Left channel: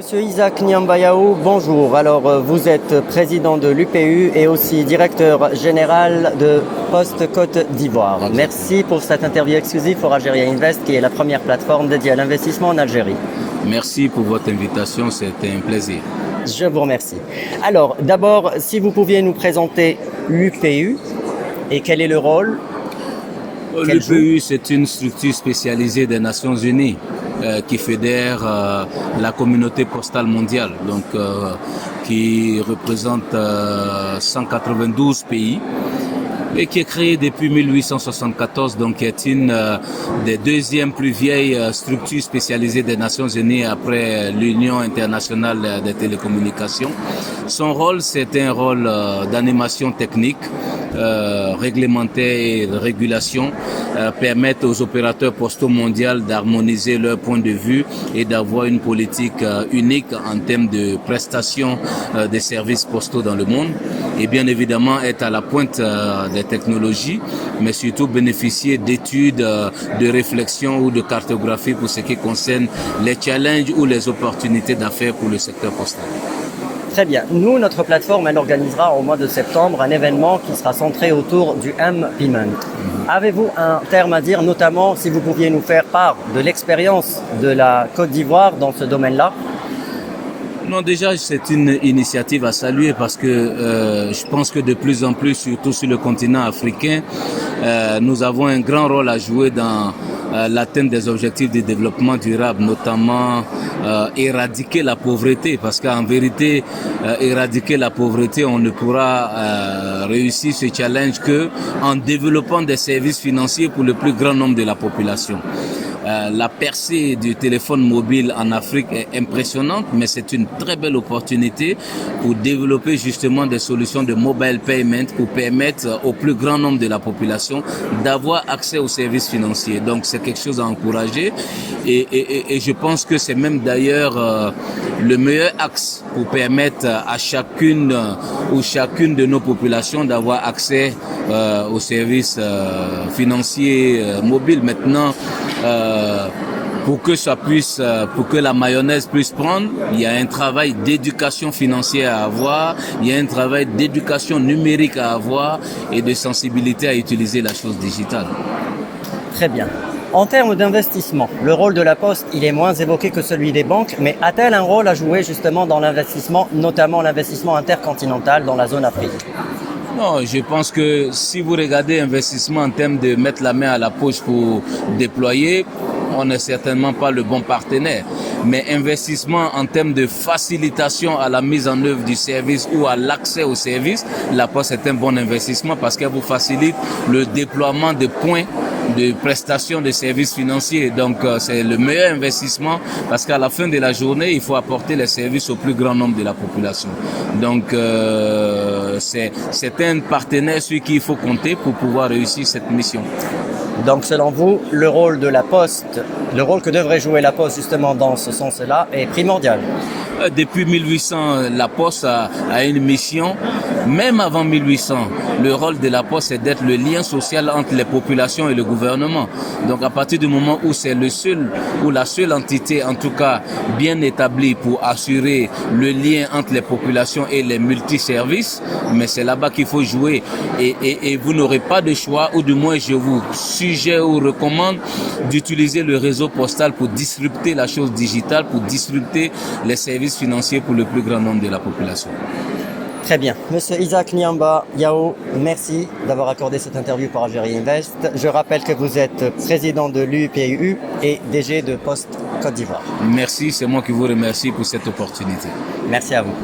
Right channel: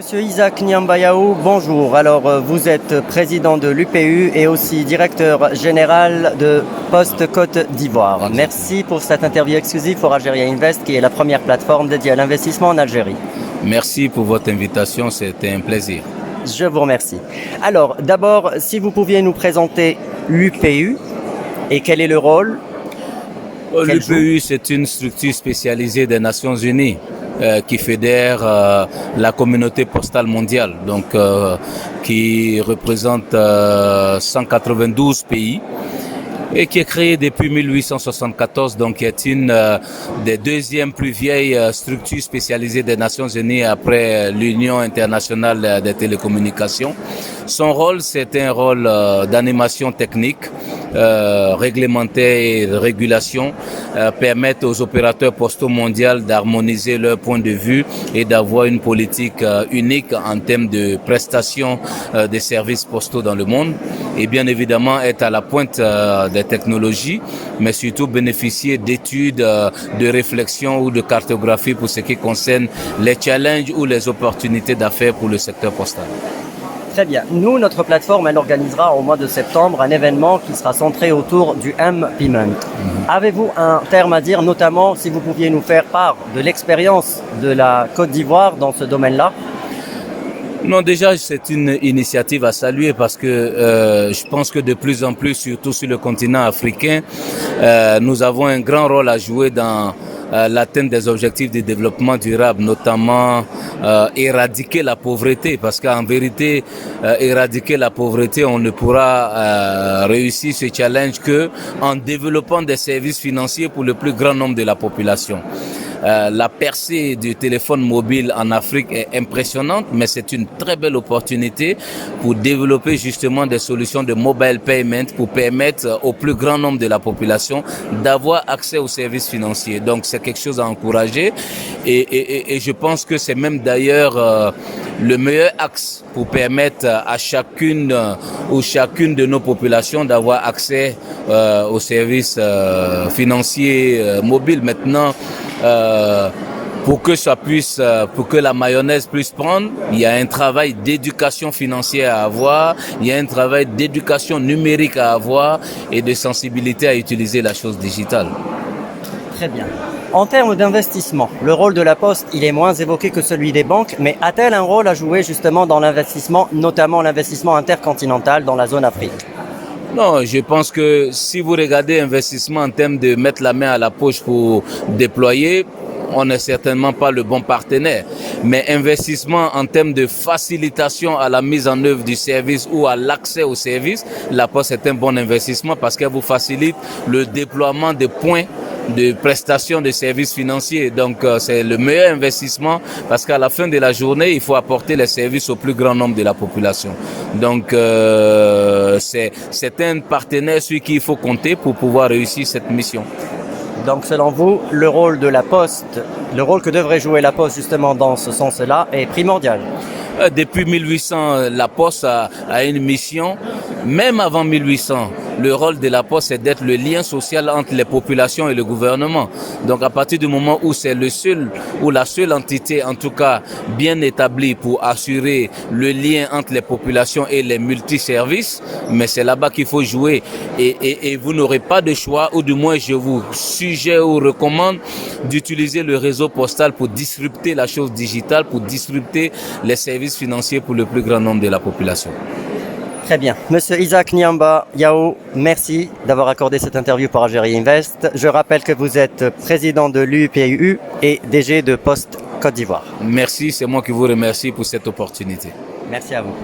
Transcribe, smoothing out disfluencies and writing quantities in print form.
Monsieur Isaac Niambayaou, bonjour. Alors, vous êtes président de l'UPU et aussi directeur général de Poste Côte d'Ivoire. Merci pour cette interview exclusive pour Algeria Invest, qui est la première plateforme dédiée à l'investissement en Algérie. Merci pour votre invitation, c'était un plaisir. Je vous remercie. Alors, d'abord, si vous pouviez nous présenter l'UPU et quel est le rôle? L'UPU, c'est une structure spécialisée des Nations Unies qui fédère la communauté postale mondiale, donc qui représente 192 pays et qui est créée depuis 1874, donc qui est une des deuxièmes plus vieilles structures spécialisées des Nations Unies après l'Union internationale des télécommunications. Son rôle, c'est un rôle d'animation technique, réglementaire et de régulation, permettre aux opérateurs postaux mondiaux d'harmoniser leur point de vue et d'avoir une politique unique en termes de prestation des services postaux dans le monde, et bien évidemment être à la pointe des technologies, mais surtout bénéficier d'études, de réflexion ou de cartographie pour ce qui concerne les challenges ou les opportunités d'affaires pour le secteur postal. Très bien. Nous, notre plateforme, elle organisera au mois de septembre un événement qui sera centré autour du M-Payment. Avez-vous un terme à dire, notamment si vous pouviez nous faire part de l'expérience de la Côte d'Ivoire dans ce domaine-là? Non, déjà, c'est une initiative à saluer parce que je pense que de plus en plus, surtout sur le continent africain, nous avons un grand rôle à jouer dans l'atteinte des objectifs de développement durable, notamment éradiquer la pauvreté, parce qu'en vérité, éradiquer la pauvreté, on ne pourra réussir ce challenge que en développant des services financiers pour le plus grand nombre de la population. La percée du téléphone mobile en Afrique est impressionnante, mais c'est une très belle opportunité pour développer justement des solutions de mobile payment pour permettre au plus grand nombre de la population d'avoir accès aux services financiers. Donc c'est quelque chose à encourager et je pense que c'est même d'ailleurs le meilleur axe pour permettre à chacune ou chacune de nos populations d'avoir accès aux services financiers mobiles. Maintenant, pour que ça puisse, pour que la mayonnaise puisse prendre, il y a un travail d'éducation financière à avoir, il y a un travail d'éducation numérique à avoir et de sensibilité à utiliser la chose digitale. Très bien. En termes d'investissement, le rôle de la Poste, il est moins évoqué que celui des banques, mais a-t-elle un rôle à jouer justement dans l'investissement, notamment l'investissement intercontinental dans la zone Afrique? Non, je pense que si vous regardez investissement en termes de mettre la main à la poche pour déployer, on n'est certainement pas le bon partenaire. Mais investissement en termes de facilitation à la mise en œuvre du service ou à l'accès au service, la Poste est un bon investissement parce qu'elle vous facilite le déploiement de points de prestation de services financiers. Donc c'est le meilleur investissement parce qu'à la fin de la journée, il faut apporter les services au plus grand nombre de la population. Donc c'est un partenaire sur qui il faut compter pour pouvoir réussir cette mission. Donc selon vous, le rôle de la Poste, le rôle que devrait jouer la Poste justement dans ce sens-là est primordial. Depuis 1800, la Poste a une mission. Même avant 1800, le rôle de la Poste est d'être le lien social entre les populations et le gouvernement. Donc à partir du moment où c'est le seul ou la seule entité, en tout cas bien établie pour assurer le lien entre les populations et les multiservices, mais c'est là-bas qu'il faut jouer. Et vous n'aurez pas de choix, ou du moins je vous suggère ou recommande d'utiliser le réseau postal pour disrupter la chose digitale, pour disrupter les services financiers pour le plus grand nombre de la population. Très bien. Monsieur Isaac Niambayaou, merci d'avoir accordé cette interview pour Algeria Invest. Je rappelle que vous êtes président de l'UPU et DG de Poste Côte d'Ivoire. Merci, c'est moi qui vous remercie pour cette opportunité. Merci à vous.